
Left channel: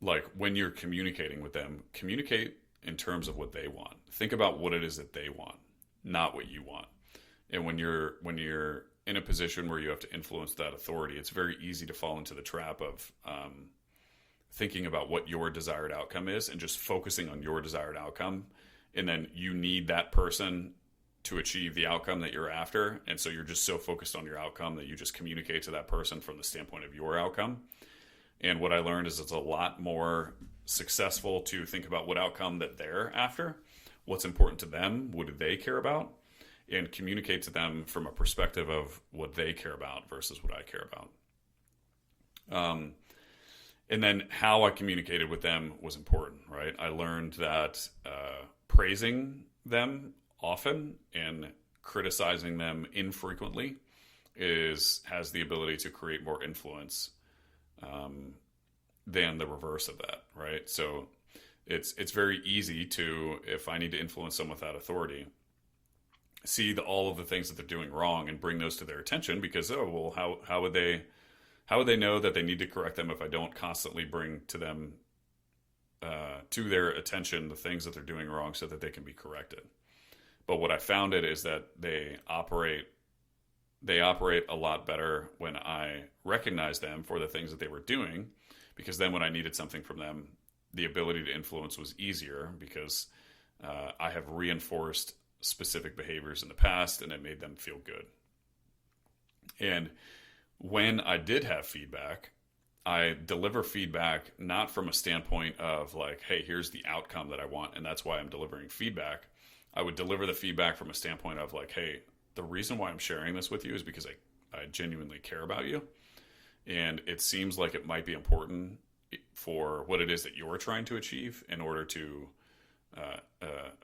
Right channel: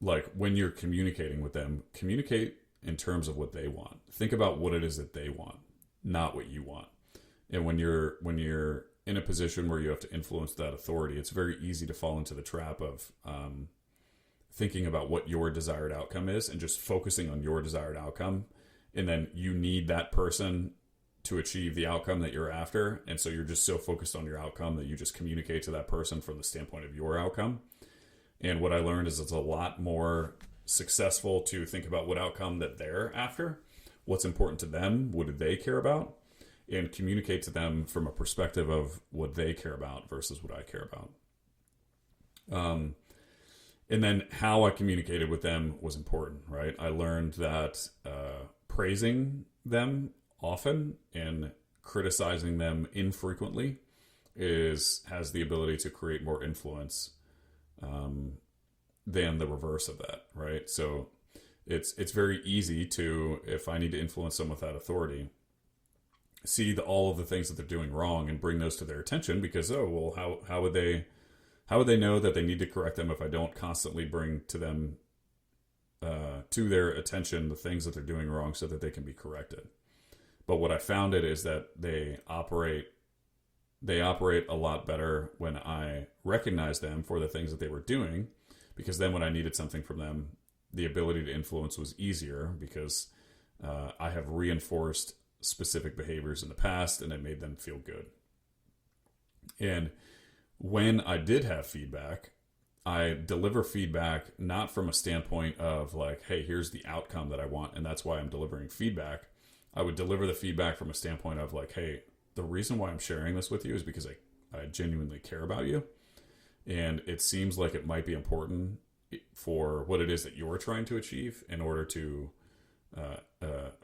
like when you're communicating with them, communicate in terms of what they want. Think about what it is that they want, not what you want. And when you're in a position where you have to influence that authority, it's very easy to fall into the trap of thinking about what your desired outcome is and just focusing on your desired outcome. And then you need that person to achieve the outcome that you're after. And so you're just so focused on your outcome that you just communicate to that person from the standpoint of your outcome. And what I learned is it's a lot more successful to think about what outcome that they're after, what's important to them, what do they care about, and communicate to them from a perspective of what they care about versus what I care about. And then how I communicated with them was important, right? I learned that praising them often and criticizing them infrequently has the ability to create more influence than the reverse of that, right? So it's very easy to, if I need to influence someone without authority, see all of the things that they're doing wrong and bring those to their attention because, how would they know that they need to correct them if I don't constantly bring to them, to their attention, the things that they're doing wrong so that they can be corrected? But what I found is that they operate a lot better when I recognize them for the things that they were doing, because then when I needed something from them, the ability to influence was easier because I have reinforced specific behaviors in the past and it made them feel good. And when I did have feedback, I deliver feedback not from a standpoint of like, hey, here's the outcome that I want and that's why I'm delivering feedback. I would deliver the feedback from a standpoint of like, hey, the reason why I'm sharing this with you is because I genuinely care about you. And it seems like it might be important for what it is that you're trying to achieve in order to,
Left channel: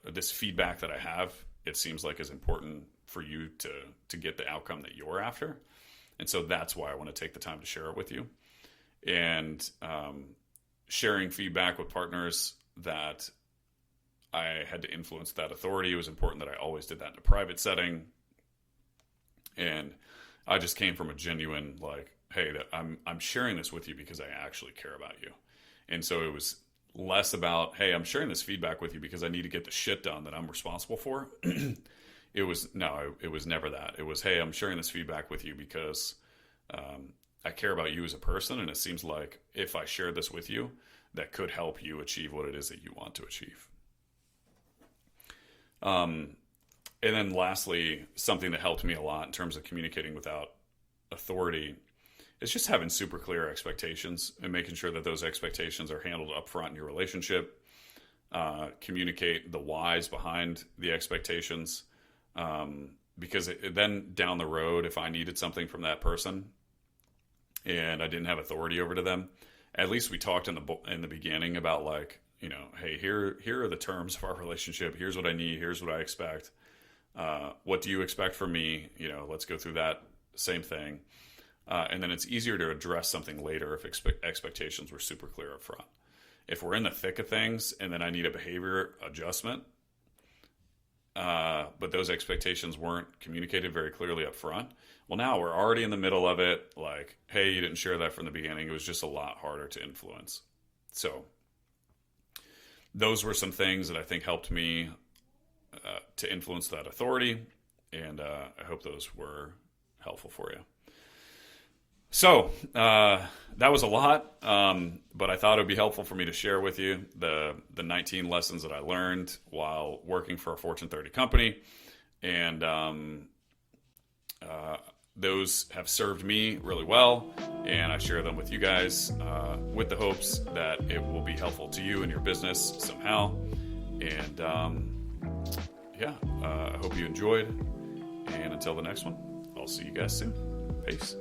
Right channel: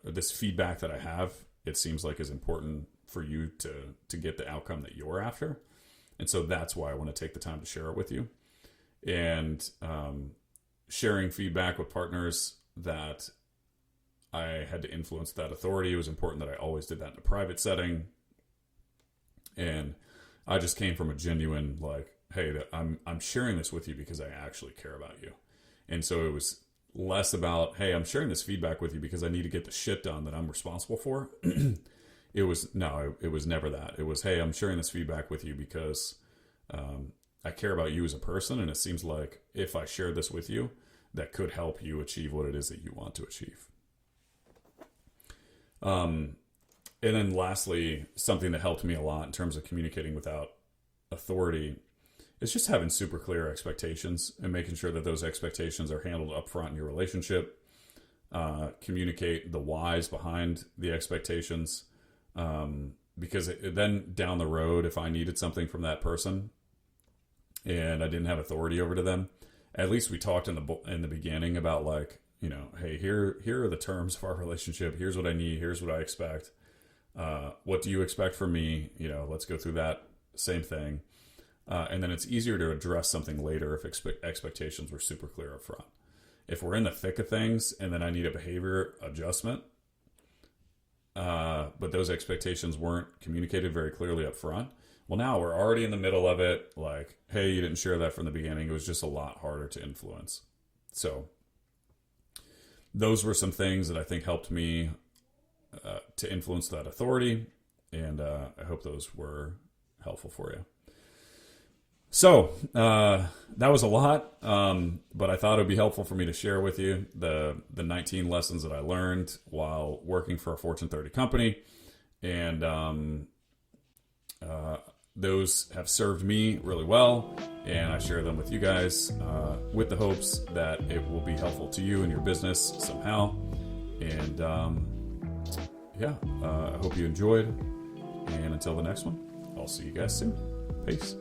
this feedback that I have, it seems like is important for you to get the outcome that you're after. And so that's why I want to take the time to share it with you. And sharing feedback with partners that I had to influence that authority, it was important that I always did that in a private setting. And I just came from a genuine like, hey, I'm sharing this with you because I actually care about you. And so it was less about, hey, I'm sharing this feedback with you because I need to get the shit done that I'm responsible for. It was never that. It was, hey, I'm sharing this feedback with you because I care about you as a person. And it seems like if I share this with you, that could help you achieve what it is that you want to achieve. And then lastly, something that helped me a lot in terms of communicating without authority is just having super clear expectations and making sure that those expectations are handled up front in your relationship. Communicate the whys behind the expectations. Because then down the road, if I needed something from that person and I didn't have authority over to them, at least we talked in the beginning about like, hey, here are the terms of our relationship. Here's what I need. Here's what I expect. What do you expect from me? Let's go through that same thing. And then it's easier to address something later if expectations were super clear up front. If we're in the thick of things and then I need a behavior adjustment, but those expectations weren't communicated very clearly up front, well, now we're already in the middle of it. Like, hey, you didn't share that from the beginning. It was just a lot harder to influence. So those were some things that I think helped me to influence that authority. And I hope those were helpful for you. So that was a lot, but I thought it would be helpful for me to share with you the 19 lessons that I learned while working for a Fortune 30 company. And those have served me really well, and I share them with you guys with the hopes that it will be helpful to you and your business somehow. And I hope you enjoyed. And until the next one, I'll see you guys soon. Peace.